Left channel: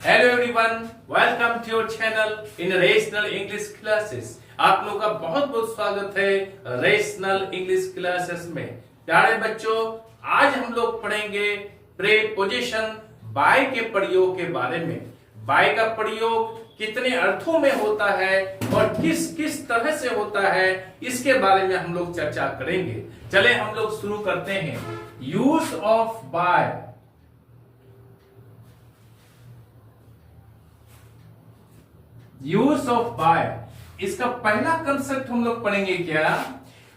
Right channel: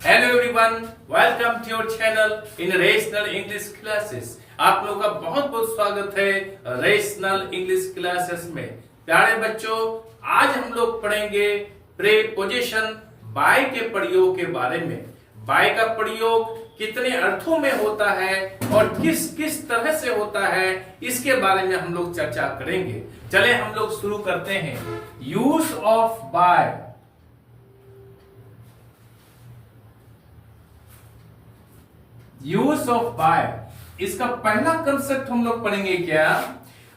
Hello everyone, welcome to your channel international English classes. आप लोगों का बहुत बहुत स्वागत है रेशनल इंग्लिश क्लासेस में। प्यारे बच्चों, आज हम लोग पढ़ेंगे प्रीपोजिशन बाय के प्रयोग के बारे में। बाय का प्रयोग कितने अर्थों में होता है और किस किस तरह से होता है, इसके बारे में हम लोग चर्चा करेंगे। चले हम लोग शुरू करते हैं। Use of by. Use of by, इसका पहला कंसेप्ट हम लोग पढ़ेंगे क्या?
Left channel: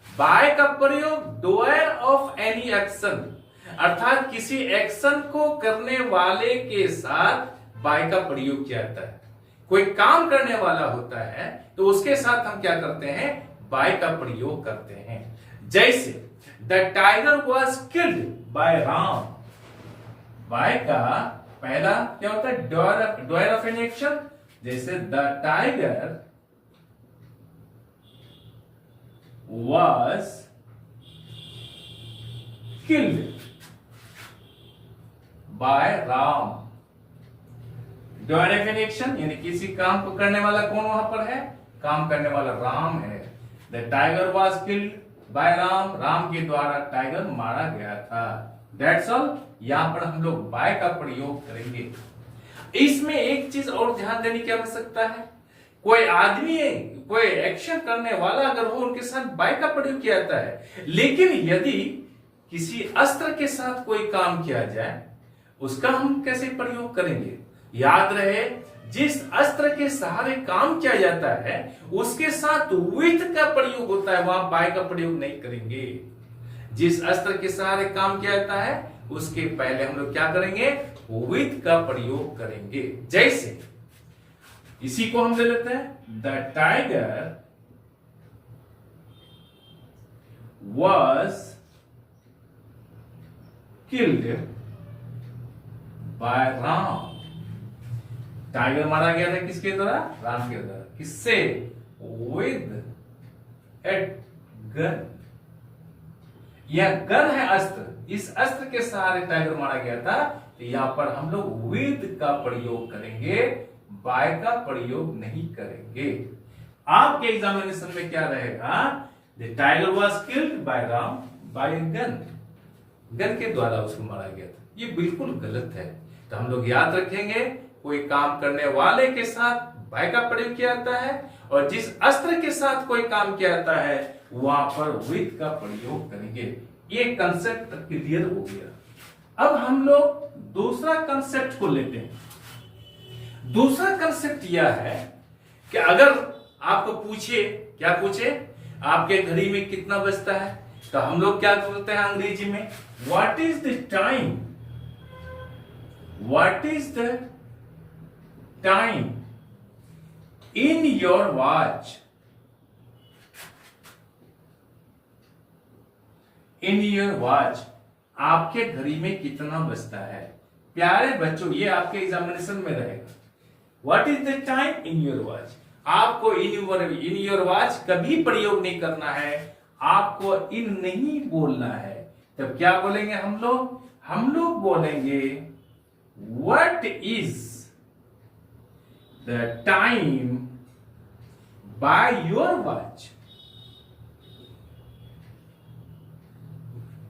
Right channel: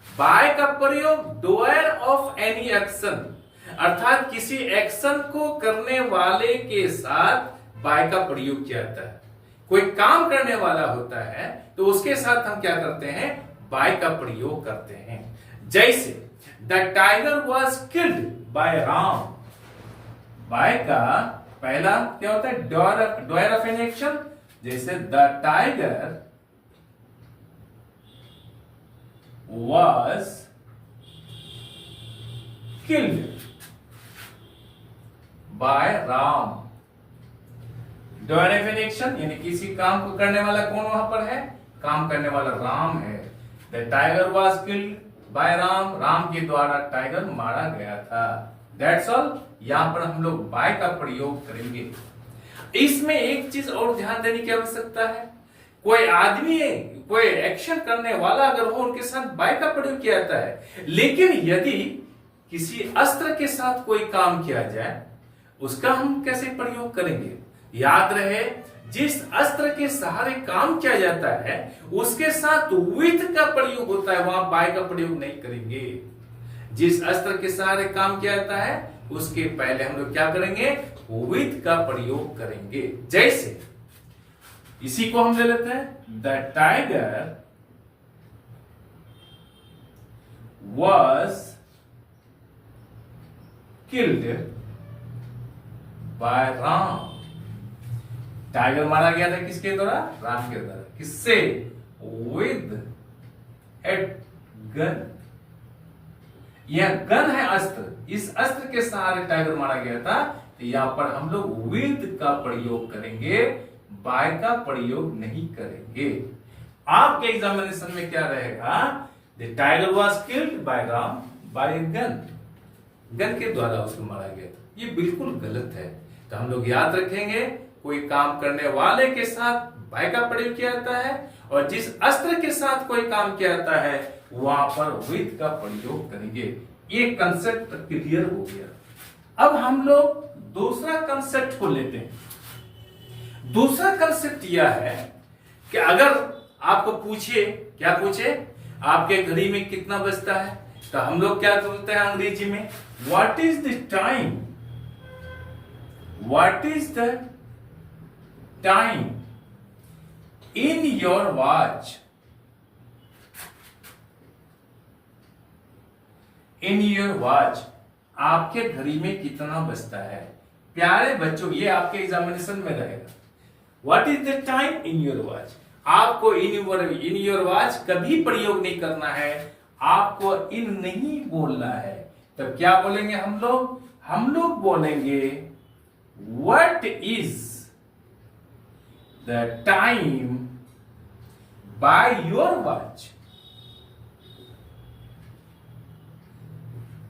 बाय का प्रयोग डूअर ऑफ एनी एक्शन, अर्थात किसी एक्शन को करने वाले के साथ बाय का प्रयोग किया जाता है। कोई काम करने वाला होता है तो उसके साथ हम क्या करते हैं? बाय का प्रयोग करते हैं। जैसे the tiger was killed by Ram. Bye का पहला क्या होता है? Doer of any action. जैसे the tiger was killed by Ram. Doer of an action यानी किसी काम को करने वाला कौन वहां पर है? काम करने वाला राम है। The tiger was killed by Ram, Ram के द्वारा टाइगर मारा गया था। That's all. यहां पर हम लोग बाय का प्रयोग करेंगे। इसमें एक चीज और ध्यान देने की आवश्यकता है। कोई आदमी है, कोई एक्शन करने वाला अगर हो, उनके साथ बाय का प्रयोग किया जाता है। लेकिन यदि किसी अस्त्र के साथ कोई काम किया जाए, उसका हम कैसे प्रयोग करेंगे? याद रहे, जिस अस्त्र के सहारे काम किया जाता है उसके साथ विथ का प्रयोग होता है, वहां बाय का प्रयोग नहीं करेंगे। जिस अस्त्र के सहारे काम किया जाता है उसके पहले हम लोग क्या करेंगे? विथ का प्रयोग करेंगे। जैसे इसी को हम ले लेते हैं, the tiger was killed by Ram. Tiger मारा गया था किसके द्वारा? राम के द्वारा। किससे? With a gun. यह गन है अस्त्र, इस अस्त्र के सहारे टाइगर मारा गया था। तो यहां पर हम लोग विद का प्रयोग करेंगे, बाय का प्रयोग नहीं करेंगे। आपके एग्जामिनेशन में क्या रहेगा? The tiger was killed by Ram by gun. Gun के द्वारा उसको मारा गया था। ये बिल्कुल गलत है। तो हम लोग याद रखेंगे, कोई काम करने वाले के साथ बाय का प्रयोग किया जाता है और जिस अस्त्र के साथ कोई काम किया जाता है वहां पर विद का प्रयोग करेंगे। ये कंसेप्ट क्लियर हो गया। अब हम लोग दूसरा कंसेप्ट को लेते हैं। दूसरा कंसेप्ट यह है कि अगर आपको पूछे, क्या पूछे? आपके घड़ी में कितना बजता है? तो हम लोग क्या बोलते हैं अंग्रेजी में? What is the time? What is the time in your watch? In your watch, आपके घड़ी में कितना बजता है? प्यारे बच्चों, ये आपके एग्जामिनेशन में रहेगा। What is the time in your watch? आपको इन योर वॉच कभी प्रयोग नहीं करना है, आपको इन नहीं बोलना है। तब क्या बोलेंगे हम लोग? हम लोग बोलेंगे what is the time by your watch?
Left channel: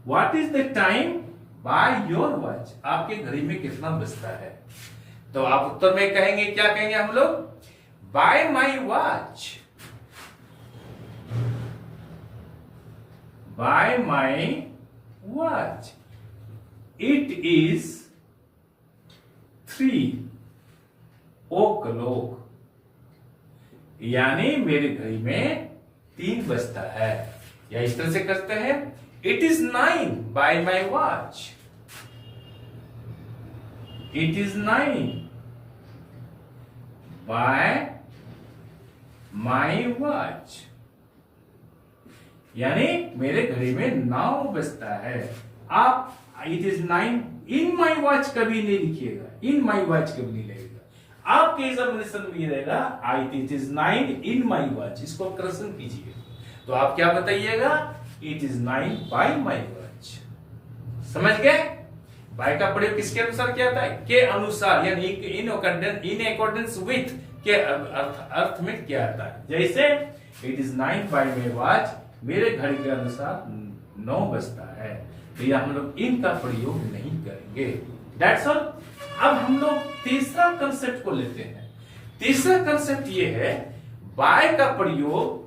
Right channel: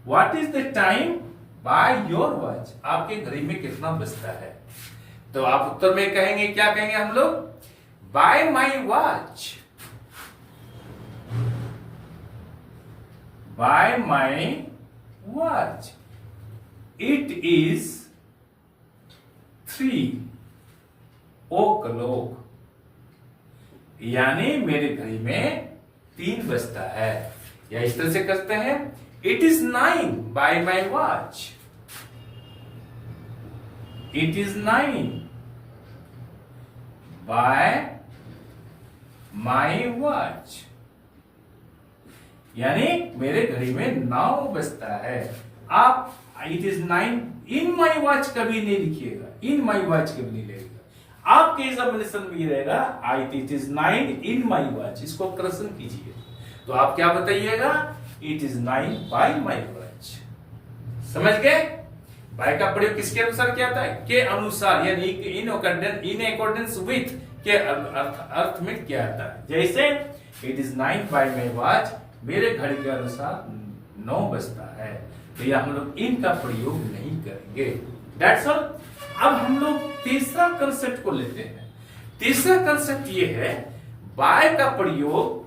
What is the time by your watch? आपके घड़ी में कितना बजता है? तो आप उत्तर में कहेंगे, क्या कहेंगे हम लोग? By my watch. By my watch. It is 3 o'clock. यानी मेरे घड़ी में 3 बजता है। या इस तरह से कहते हैं, It is 9 by my watch. It is 9 by my watch. यानी मेरे घड़ी में 9 बजता है। आप it is 9 in my watch कभी नहीं लिखिएगा, in my watch कभी नहीं लिखिएगा। आपके एग्जामिनेशन में रहेगा it is 9 in my watch। इसको करेक्शन कीजिए। तो आप क्या बताइएगा? It is 9 by my watch। समझ गए? बाय का प्रयोग किसके अनुसार किया जाता है? के अनुसार, यानी इन अकॉर्डेंस विथ के अर्थ में किया जाता है। जैसे it is 9 by my watch, मेरे घड़ी के अनुसार 9 बजता है। तो यह हम लोग इन का प्रयोग नहीं करेंगे। That's all. अब हम लोग तीसरा कंसेप्ट को लेते हैं। तीसरा कंसेप्ट ये है, बाय का प्रयोग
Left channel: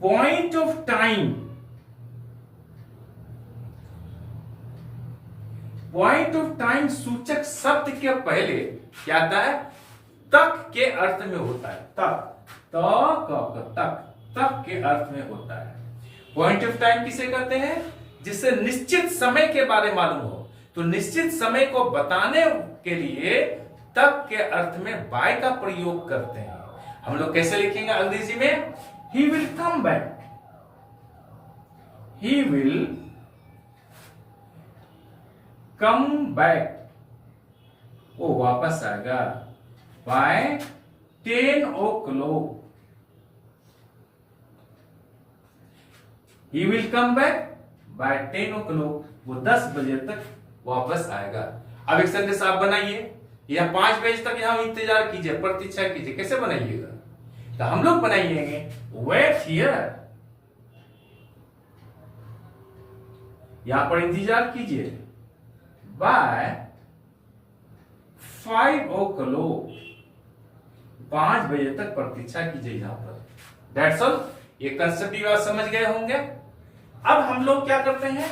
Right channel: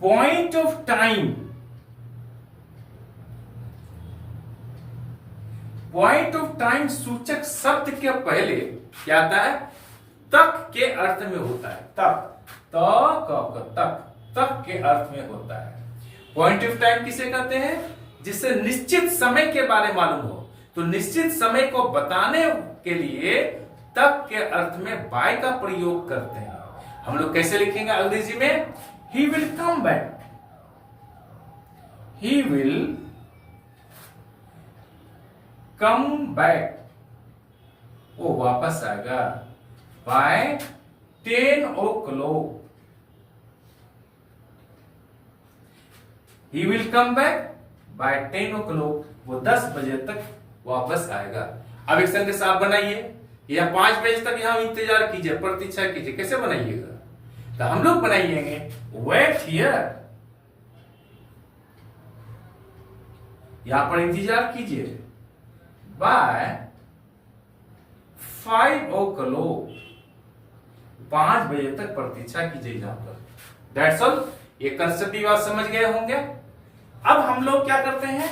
point of time, point of time सूचक शब्द के पहले क्या आता है? तक के अर्थ में होता है। तक के अर्थ में होता है। पॉइंट ऑफ टाइम किसे कहते हैं? जिससे निश्चित समय के बारे में मालूम हो। तो निश्चित समय को बताने के लिए तक के अर्थ में बाय का प्रयोग करते हैं। हम लोग कैसे लिखेंगे अंग्रेजी में? He will come back, he will come back, वो वापस आएगा by 10 o'clock। He will come back by 10 o'clock, वो 10 बजे तक वापस आएगा। अब एक संदेश आप बनाइए, या 5 बजे तक यहां इंतजार कीजिए, प्रतीक्षा कीजिए। कैसे बनाइएगा? तो हम लोग बनाएंगे वेट हियर, यहां पर इंतजार कीजिए बाय 5 o'clock, 5 बजे तक प्रतीक्षा कीजिए यहां पर। That's all. ये कंसेप्ट भी बात समझ गए होंगे। अब हम लोग क्या करते हैं?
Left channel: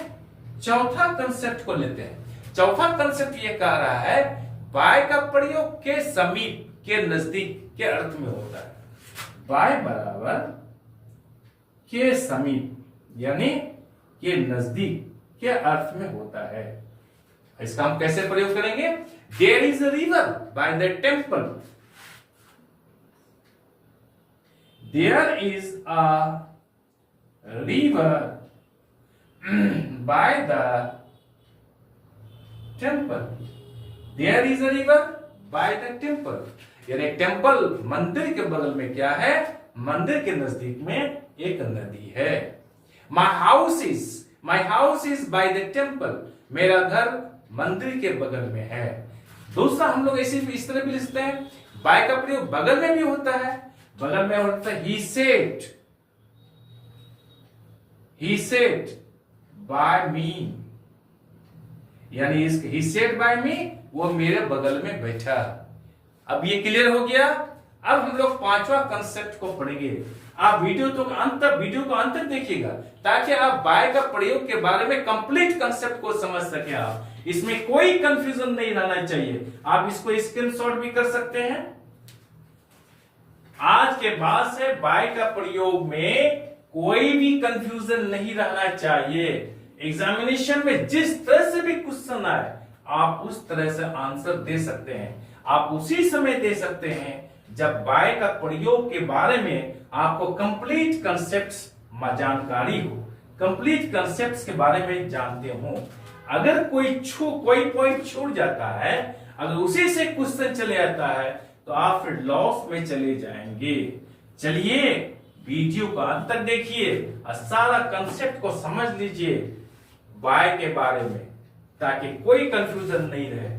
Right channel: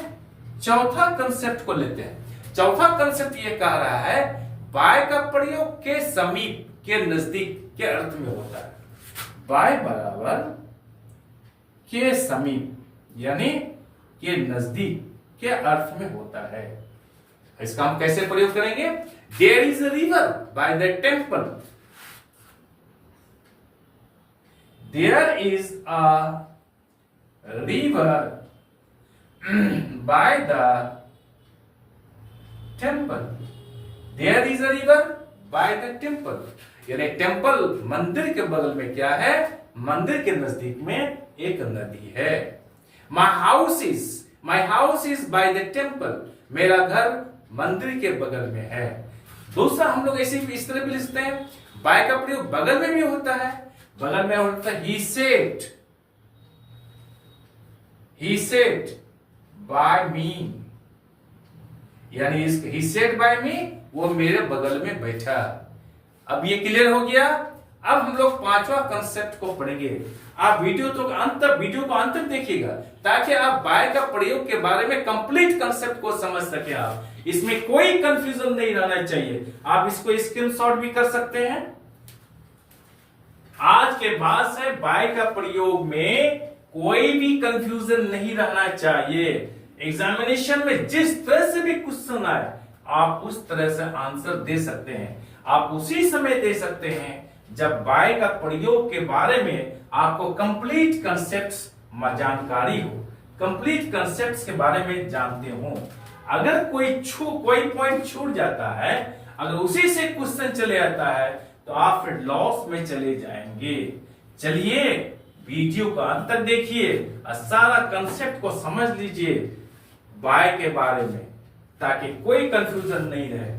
चौथा कंसेप्ट को लेते हैं। चौथा कंसेप्ट ये कह रहा है, बाय का प्रयोग के समीप, के नजदीक के अर्थ में होता है। बाय बराबर के समीप, यानी के नजदीक के अर्थ में होता है। इसका हम कैसे प्रयोग करेंगे? There is a river by the temple, there is a river by the temple, there is a river by the temple, यानी टेम्पल मंदिर के बगल में क्या है? मंदिर के नजदीक में एक नदी है। My house is by the temple, मेरा घर मंदिर के बगल में है। दूसरा हम लोग ऐसे भी इस तरह भी लिखते हैं, बाय का प्रयोग बगल में भी होता है। बगल में होता है ही सेड बाय मी, यानी ही सेड बाय मी, वो मेरे बगल में बैठा। अब ये क्लियर हो गया। अब हम लोग पांचवा कंसेप्ट को पढ़ेंगे। आप वीडियो को अंत तक देखिएगा, ताकि आप बाय का प्रयोग के बारे में कंप्लीट कंसेप्ट को समझ सके। आप इसमें कोई कंफ्यूजन नहीं रहना चाहिए। आप इसको स्क्रीनशॉट भी कर सकते हैं। आज के बाद से बाय का प्रयोग में कोई भी कंफ्यूजन नहीं रहना चाहिए। एग्जामिनेशन में जिस तरह से भी क्वेश्चन आए, आप उस तरह से आंसर दे सकते हैं। आप उसी समय दे सकते हैं जब बाय का प्रयोग के बारे में आपको कंप्लीट कंसेप्ट्स जानकारी हो, कंप्लीट कंसेप्ट्स के बारे में जानते हो। अगर कोई पॉइंट छूट जाता है, अगर उसी से क्वेश्चन चले आता है, तो आप फिर लॉस में चले जाएंगे। चलिए वीडियो का अंत तक देखिए और सारा कंसेप्ट को समझ लीजिए बाय के बारे में, ताकि कोई कंफ्यूजन नहीं रहे।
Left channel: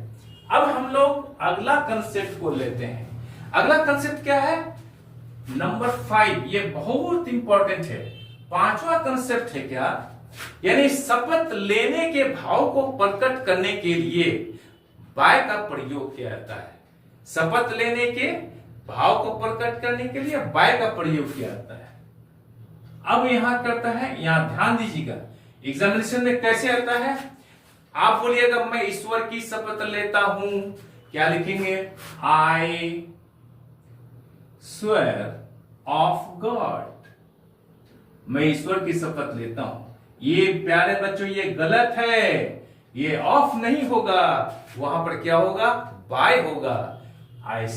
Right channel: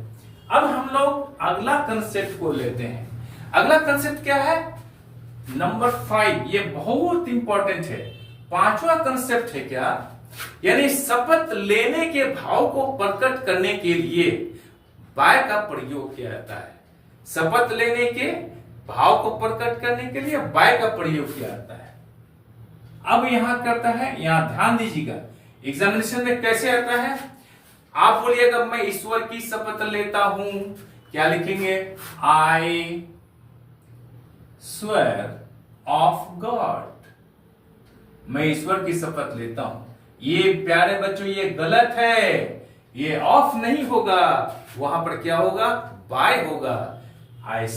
अब हम लोग अगला कंसेप्ट को लेते हैं। अगला कंसेप्ट क्या है? नंबर 5। ये बहुत इंपॉर्टेंट है। पांचवा कंसेप्ट है क्या? यानी शपथ लेने के भाव को प्रकट करने के लिए बाय का प्रयोग किया जाता है। शपथ लेने के भाव को प्रकट करने के लिए बाय का प्रयोग किया जाता है। अब यहां करता है, यहां ध्यान दीजिएगा, एग्जामिनेशन में कैसे आता है। आप बोलिएगा मैं ईश्वर की शपथ लेता हूं, क्या लिखेंगे? आई स्वेयर ऑफ गॉड, मैं ईश्वर की शपथ लेता हूं। ये प्यारे बच्चों ये गलत है, ये ऑफ नहीं होगा, वहां पर क्या होगा? बाय होगा। आई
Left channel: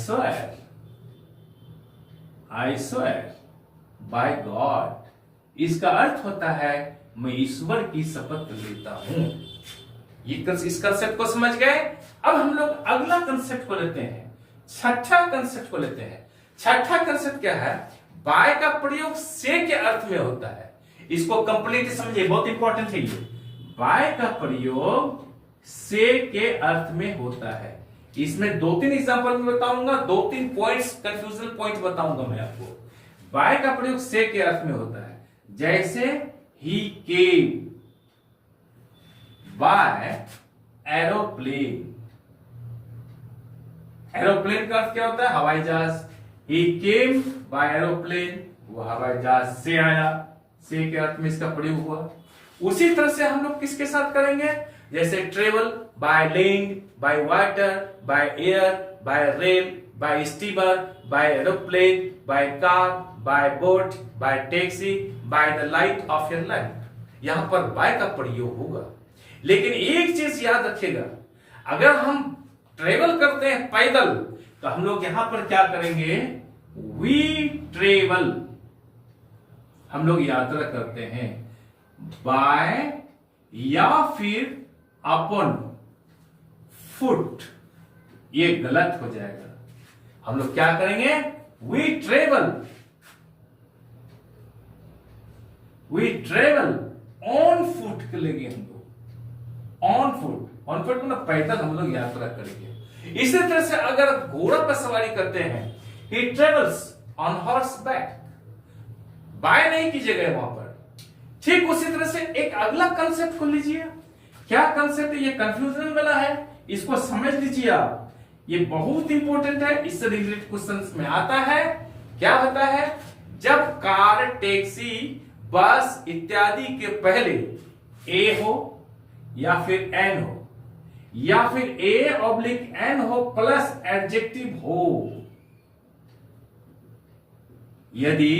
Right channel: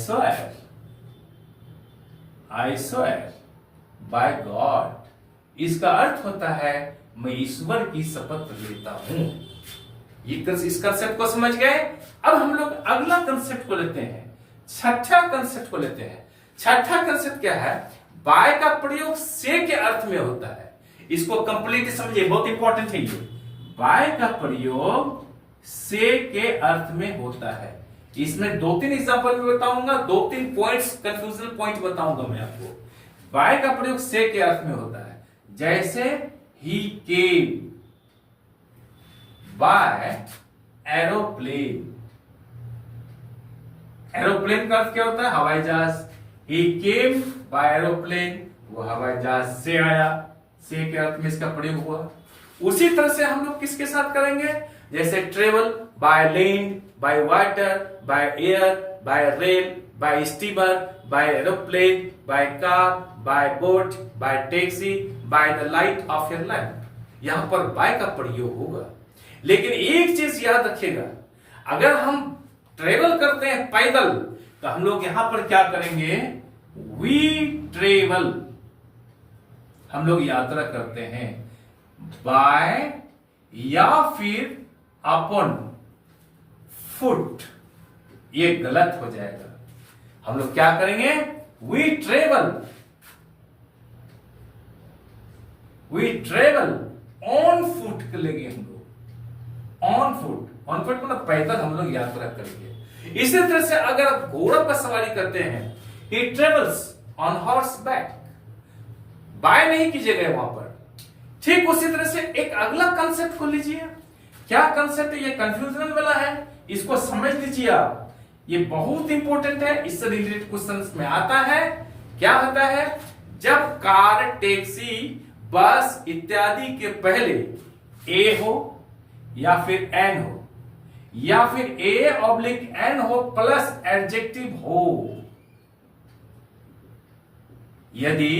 स्वेयर बाय गॉड, इसका अर्थ होता है मैं ईश्वर की शपथ लेता हूं। इस कंसेप्ट को समझ गए। अब हम लोग अगला कंसेप्ट को लेते हैं, छठा कंसेप्ट को लेते हैं। छठा कंसेप्ट क्या है? बाय का प्रयोग से के अर्थ में होता है। इसको कंप्लीट समझिए, बहुत इंपॉर्टेंट है ये। बाय का प्रयोग से के अर्थ में होता है। इसमें 2-3 एग्जांपल भी बताऊंगा, 2-3 पॉइंट्स, कंफ्यूजन पॉइंट बताऊंगा मैं आपको। बाय का प्रयोग से के अर्थ में होता है, जैसे he came bye aeroplane. Aeroplane का अर्थ क्या होता है? हवाई जहाज। ही केम बाय एरोप्लेन, वो हवाई जहाज से आया, से के अर्थ में इसका प्रयोग हुआ। उसी तरह से हम लोग किसके साथ करेंगे? जैसे travel by land, by water, by air, by rail, by steamer, by aeroplane, by car, by boat, by taxi, by the light of your lamp. यहां पर बाय का प्रयोग होगा। लेकिन एक चीज याद रखिएगा, अगर हम ट्रेवल करते हैं पैदल, तो हम लोग यहां पर क्या करेंगे? We travel. हम लोग यात्रा करते हैं बाय या फिर अपॉन फुट, ये गलत हो जाएगा। हम लोग क्या करेंगे? We travel, we travel on foot लेंगे हम लोग, ऑन फुट। ऑन फुट मतलब पैदल हम लोग यात्रा करेंगे। इसी तरह से अगर घोड़ा पर सवारी करते हैं, he travels on horseback, by नहीं कीजिएगा वहां पर। ठीक उसी तरह से एक अगला कंसेप्ट को लीजिए। क्या कंसेप्ट है? ये कंफ्यूजन वाला है, इसको समझ लीजिए आप, ये बहुत इंपॉर्टेंट है, इससे रिलेटेड क्वेश्चंस में आता है। क्या होता है? जब कार, टैक्सी, बस इत्यादि के पहले ए हो या फिर एन हो, या फिर ए ऑब्लिक एन हो प्लस एडजेक्टिव हो। यदि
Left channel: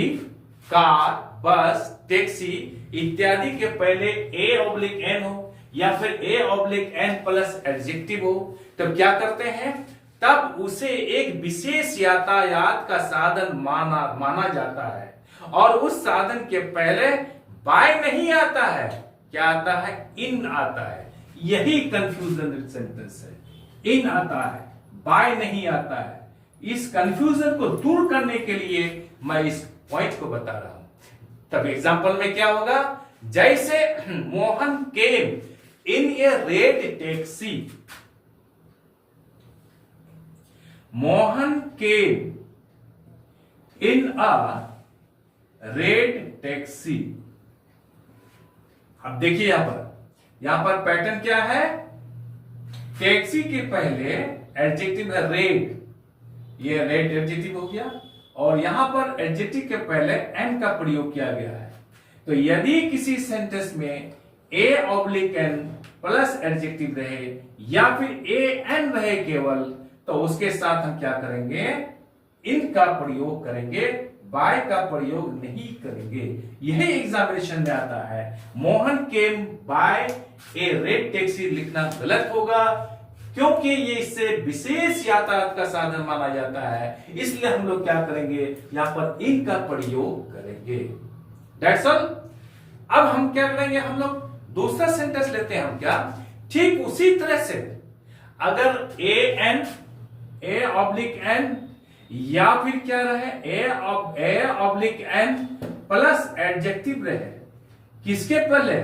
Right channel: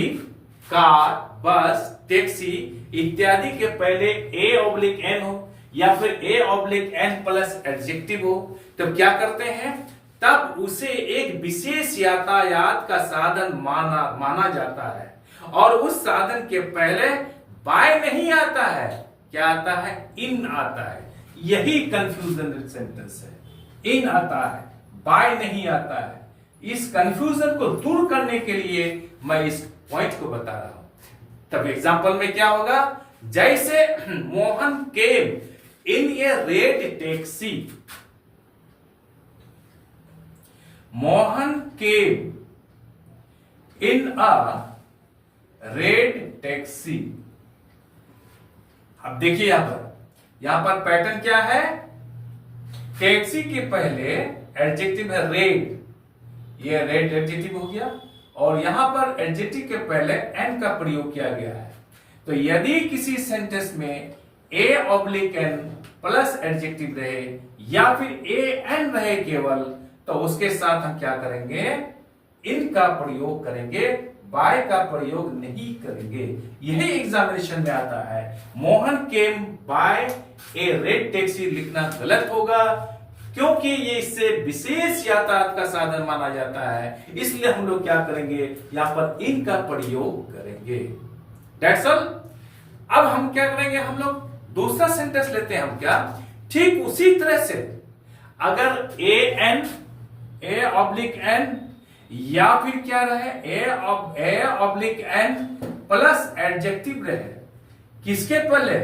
कार, बस, टैक्सी इत्यादि के पहले ए ऑब्लिक एन हो या फिर a oblique N plus adjective हो, तब क्या करते हैं? तब उसे एक विशेष यातायात का साधन माना जाता है, और उस साधन के पहले बाय नहीं आता है, क्या आता है? इन आता है। यही कंफ्यूजन सेंटेंस है। इन आता है, बाय नहीं आता है। इस कंफ्यूजन को दूर करने के लिए मैं इस पॉइंट को बता रहा हूं। तब एग्जांपल में क्या होगा? जैसे मोहन केम इन ए रेड टैक्सी, मोहन केम इन अ रेड टैक्सी। अब देखिए यहां पर पैटर्न क्या है? टैक्सी के पहले एडजेक्टिव है रेड, ये रेड एडजेक्टिव हो गया, और यहां पर एडजेक्टिव के पहले एन का प्रयोग किया गया है। तो यदि किसी सेंटेंस में a oblique N plus adjective रहे या फिर ए एन रहे केवल, तो उसके साथ हम क्या करेंगे? इन का प्रयोग करेंगे, बाय का प्रयोग नहीं करेंगे। यही एग्जामिनेशन में आता है। Mohan came by A red taxi लिखना गलत होगा, क्योंकि ये इससे विशेष यातायात का साधन माना जाता है। इसलिए हम लोग क्या करेंगे? यहां पर इन का प्रयोग करेंगे। That's all। अब हम क्या करेंगे? हम लोग दूसरा सेंटेंस लेते हैं। हम क्या? ठीक उसी तरह से अगर a N, a oblique N या फिर क्या रहे? A oblique N plus adjective रहे, किसके पहले?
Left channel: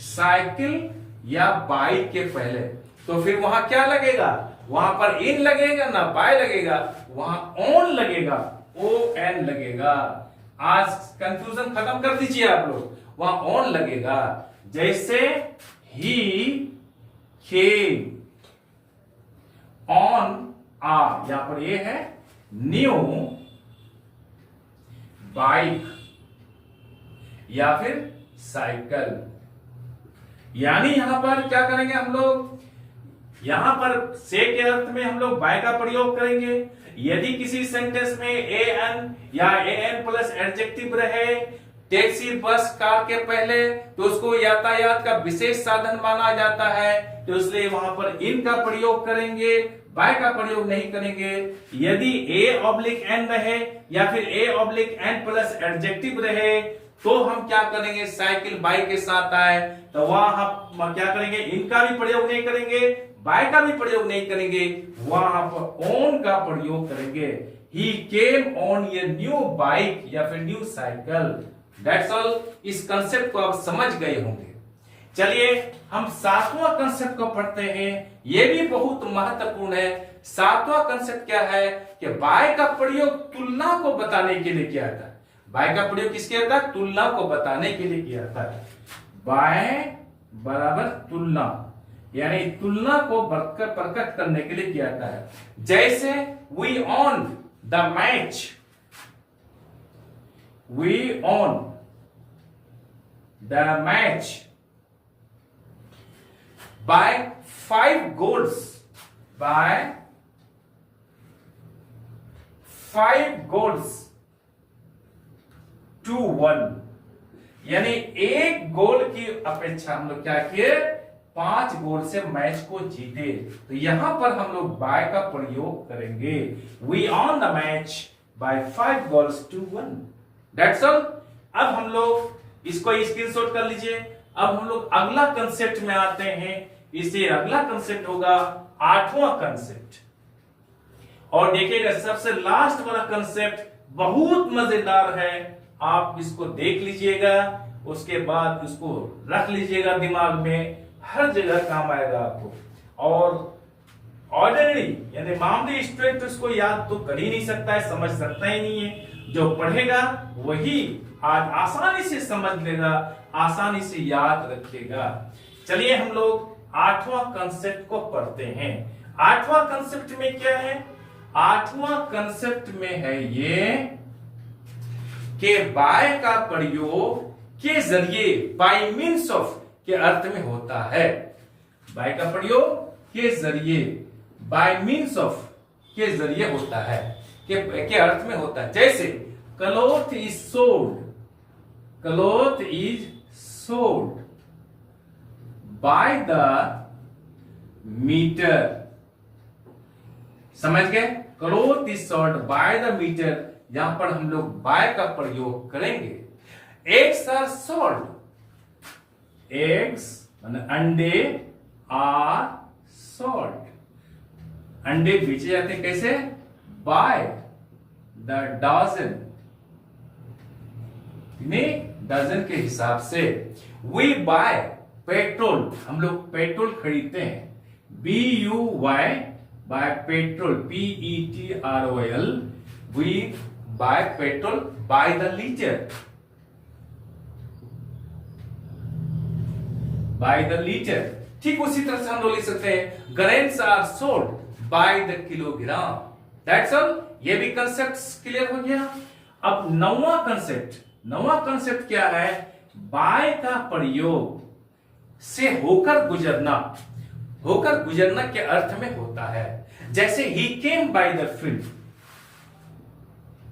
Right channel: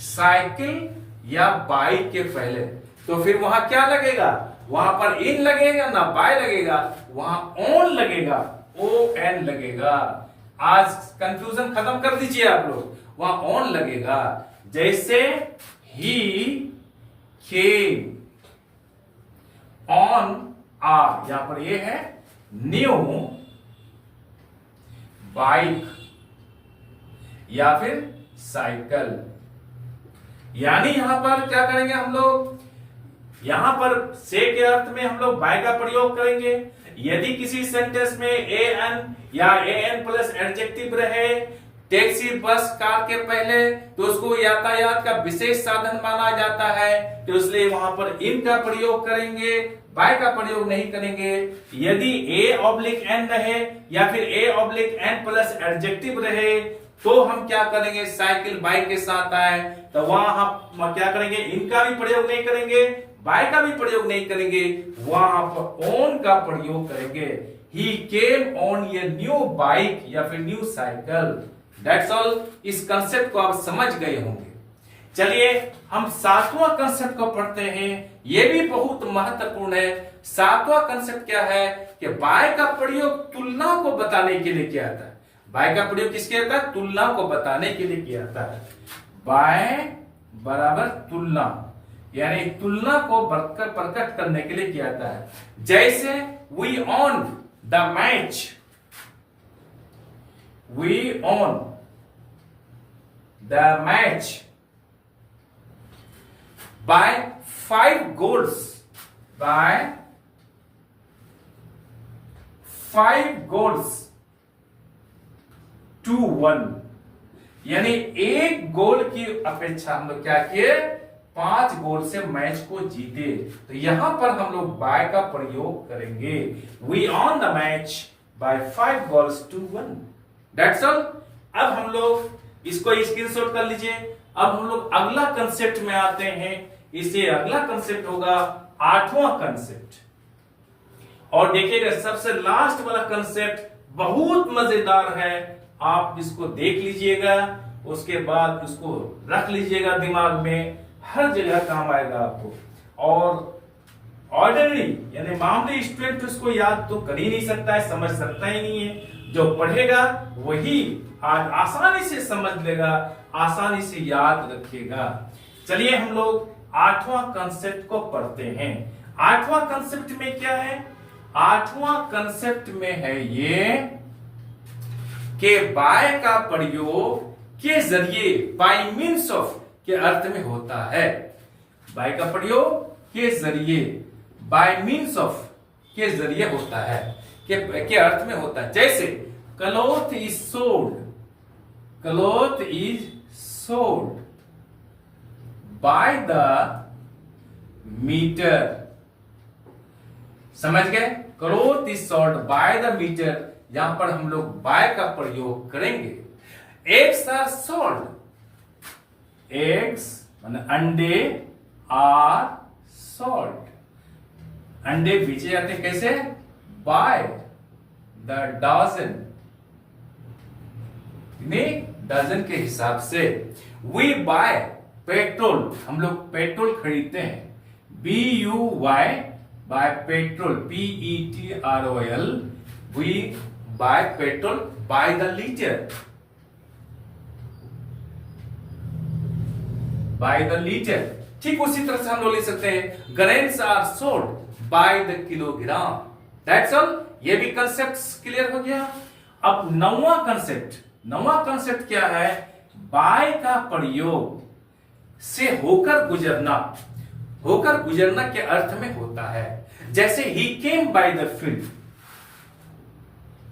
साइकिल या बाइक के पहले, तो फिर वहां क्या लगेगा? वहां पर इन लगेगा ना बाय लगेगा, वहां ऑन लगेगा, ओ एन लगेगा। आज कंफ्यूजन खत्म कर दीजिए आप लोग, वहां ऑन लगेगा। जैसे ही केम ऑन आ, यहां पर ये है न्यू बाइक या फिर साइकिल। यानी यहां पर क्या करेंगे हम लोग? यहां पर से के अर्थ में हम लोग बाय का प्रयोग करेंगे। यदि किसी सेंटेंस में ए एन या ए एन प्लस एडजेक्टिव रहे टैक्सी, बस, कार के पहले, तो उसको यातायात का विशेष साधन माना जाता है, तो इसलिए वहां पर इन का प्रयोग करेंगे, बाय का प्रयोग नहीं करेंगे। यदि ए ऑब्लिक एन रहे या फिर a oblique N plus adjective रहे, तो हम क्या करेंगे? साइकिल बाइक के साथ आए तो वहां हम क्या करेंगे? इनका भी प्रयोग नहीं करेंगे, बाय का भी प्रयोग नहीं करेंगे, वहां पर ऑन का प्रयोग करेंगे। He came on a new bike या फिर न्यू साइकिल। That's all. इस कंसेप्ट को आप समझ गए होंगे। चलिए हम सातवां कंसेप्ट को पढ़ते हैं, ये भी बहुत महत्वपूर्ण है। सातवां कंसेप्ट क्या है कि बाय का प्रयोग तुलना को बताने के लिए किया जाता है। बाय का प्रयोग किसके होता है? तुलना को बताने के लिए किया जाता है। बाय बराबर तुलना, यानी तुलना को प्रकट करने के लिए किया जाता है। जैसे we won the match, we won the match by 5 goals, by 5 goals to 1, यानी एक गोल की अपेक्षा हम लोग क्या किए? 5 गोल से मैच को जीते। तो यहां पर हम लोग बाय का प्रयोग करेंगे। We won the match by 5 goals to 1, that's all. अब हम लोग इसको स्क्रीनशॉट कर लीजिए। अब हम लोग अगला कंसेप्ट में आते हैं। इसे अगला कंसेप्ट होगा आठवां कंसेप्ट। और देखिएगा सबसे लास्ट वाला कंसेप्ट बहुत मजेदार है, आप इसको देख लीजिएगा, उसके बाद इसको रख लीजिएगा दिमाग में, हर जगह काम आएगा आपको। और ऑर्डिनरी यानी मामूली स्टूडेंट इसको याद तो कर ही नहीं सकता है, समझ सकता ही नहीं है। जो पढ़ेगा वही आज आसानी से समझ लेगा, आसानी से याद रखेगा। चलिए हम लोग आठवां कंसेप्ट को पढ़ते हैं। आठवां कंसेप्ट में क्या है? आठवां कंसेप्ट में है ये कि बाय का प्रयोग के जरिए, बाय मीन्स ऑफ के अर्थ में होता है। बाय का प्रयोग के जरिए, बाय मीन्स ऑफ के जरिए होता है, के अर्थ में होता है। जैसे cloth is sold, cloth is sold by the metre, समझ गए? Cloth is sold by the metre, यहां पर हम लोग बाय का प्रयोग करेंगे। एग्स आर सोल्ड, एग्स माने अंडे, आर सोल्ड, अंडे बेचे जाते हैं कैसे? बाय द डजन, डजन के हिसाब से। वी बाय पेट्रोल, हम लोग पेट्रोल खरीदते हैं, BUY buy petrol, PETROL, we buy petrol by the litre, by the litre. ठीक उसी तरह से हम लोग लिख सकते हैं grains are sold by the kilogram, that's all. ये भी कंसेप्ट क्लियर हो गया। अब नौवां कंसेप्ट क्या है? बाय का प्रयोग से होकर गुजरना, होकर गुजरना के अर्थ में होता है। जैसे he came by the field,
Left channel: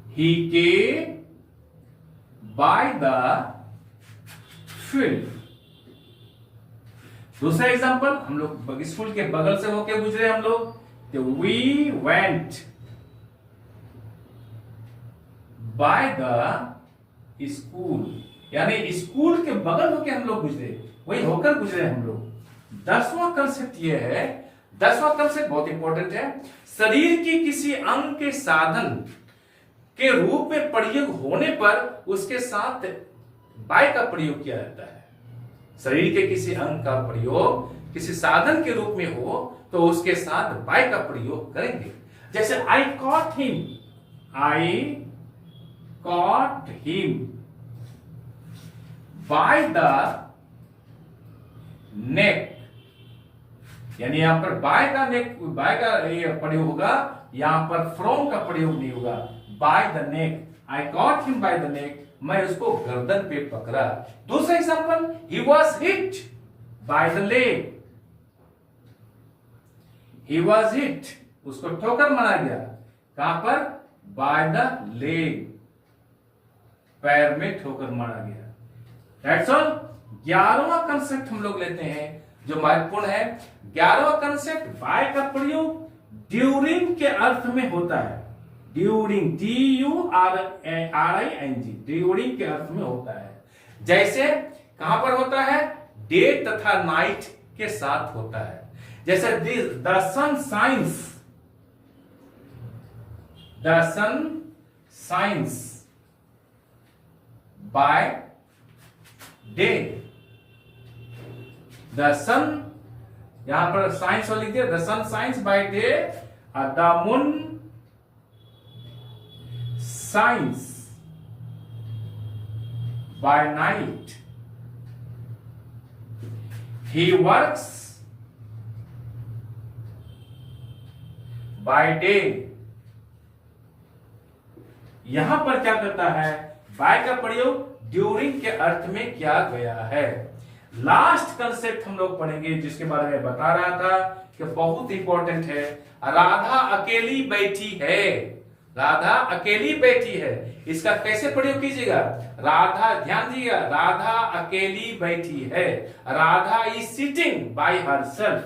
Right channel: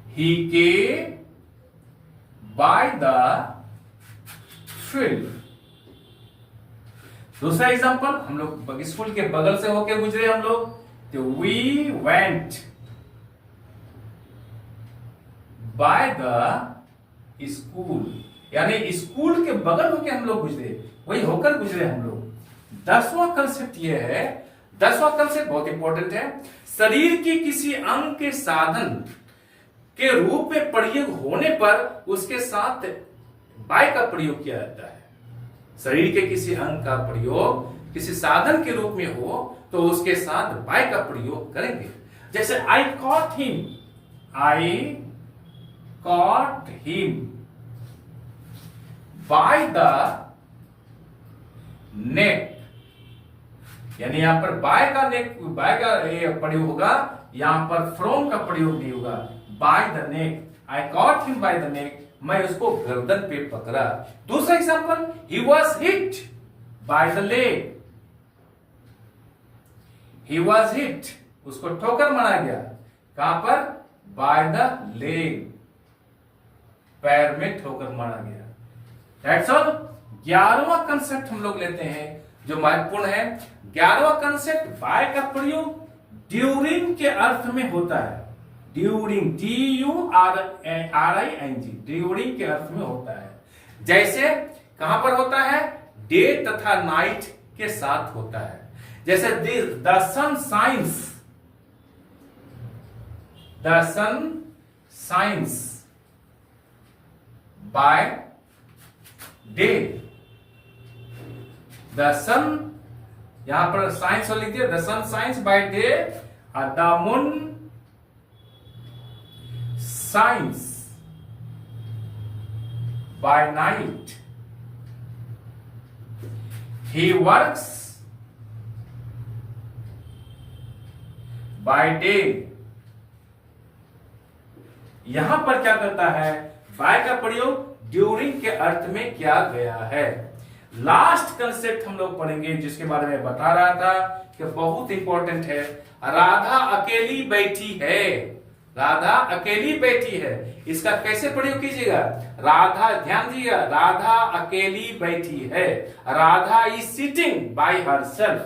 he came by the field. दूसरा एग्जांपल, हम लोग स्कूल के बगल से होके गुजरे हम लोग, तो we went by the school, यानी स्कूल के बगल होके हम लोग गुजरे, वही होकर गुजरे हम लोग। 10वां कंसेप्ट ये है, 10वां कंसेप्ट बहुत इंपॉर्टेंट है। शरीर की किसी अंग के साधन के रूप में प्रयोग होने पर उसके साथ बाय का प्रयोग किया जाता है। शरीर के किसी अंग का प्रयोग किसी साधन के रूप में हो तो उसके साथ बाय का प्रयोग करेंगे। जैसे आई cot him, I cot him by the neck, यानी यहां पर बाय का नेक, बाय का प्रयोग होगा, यहां पर फ्रॉम का प्रयोग नहीं होगा। By the neck, I cot him by the neck, मैं उसको गर्दन पे पकड़ा। दूसरा example, he was hit by the leg, he was hit, उसको ठोकर मारा गया, कहां पर? बाय द लेग, पैर में ठोकर मारा गया। That's all. 11वां कंसेप्ट हम लोग लेते हैं जो महत्वपूर्ण है। 11वां कंसेप्ट, बाय का प्रयोग ड्यूरिंग के अर्थ में होता है। ड्यूरिंग, DURING, ड्यूरिंग के अर्थ में होता है। जैसे कहां पर होता है? डे तथा नाइट के साथ होता है। जैसे the sun shines, the sun shines by day, the sun, यहां पर साइंस लिख दिया, the sun shines by day, the moon shines by night, he works by day. यहां पर क्या करता है, बाय का प्रयोग ड्यूरिंग के अर्थ में किया गया है। लास्ट कंसेप्ट हम लोग पढ़ेंगे जिसके बारे में बता रहा था कि बहुत इंपॉर्टेंट है। राधा अकेली बैठी है, राधा अकेली बैठी है, इसका कैसे प्रयोग कीजिएगा, राधा, ध्यान दीजिएगा, राधा अकेली बैठी है, Radha is sitting bye herself,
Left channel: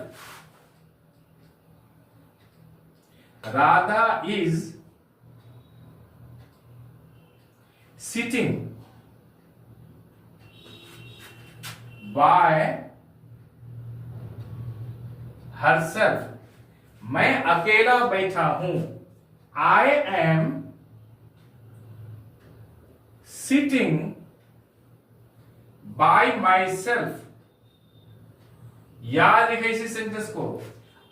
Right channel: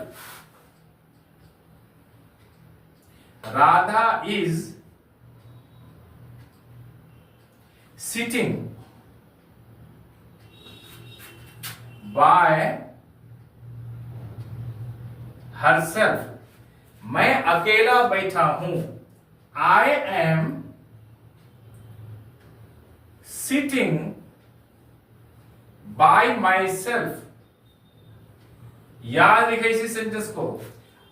Radha is sitting bye herself, मैं अकेला बैठा हूं, I am sitting by myself। याद रखिए इसी सेंटेंस को।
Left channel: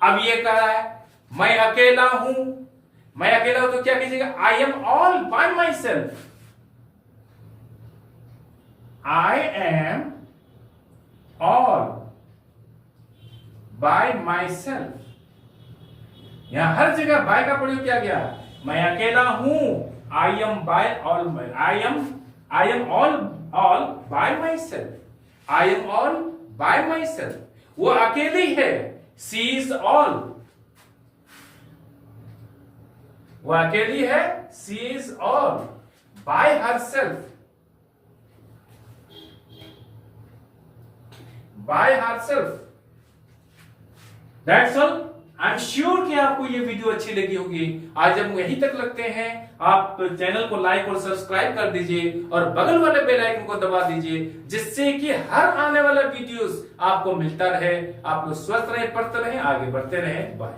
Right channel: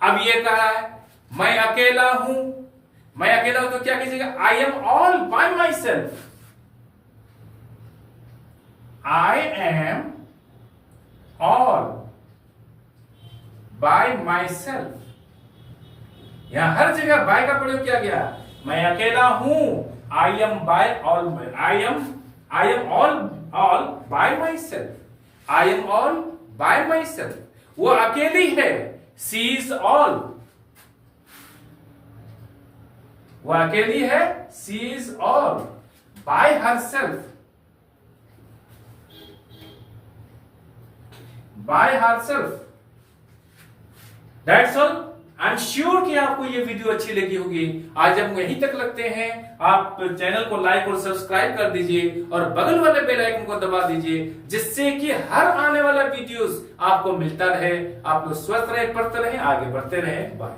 अब ये कहा है मैं अकेला हूं, मैं अकेला हूं तो क्या कीजिएगा, I am all by myself, I am all by myself। यहां हर जगह बाय का प्रयोग किया गया, मैं अकेला हूं, I am by all, I am all by myself, I am all by myself, वो अकेली है, सी इज ऑल, वो अकेली है, she is all by herself, by herself. That's all. I am sure कि आपको ये video अच्छी लगी होगी। आज हम यहीं तक लगते हैं, आप चैनल को लाइक और सब्सक्राइब कर दीजिए और बगल वाले बेल आइकन को दबा दीजिए, जिससे कि हर आने वाला वीडियोस आपको मिलता रहे। आप लोग स्वस्थ रहे, पढ़ते रहे, आगे बढ़ते रहे। बाय।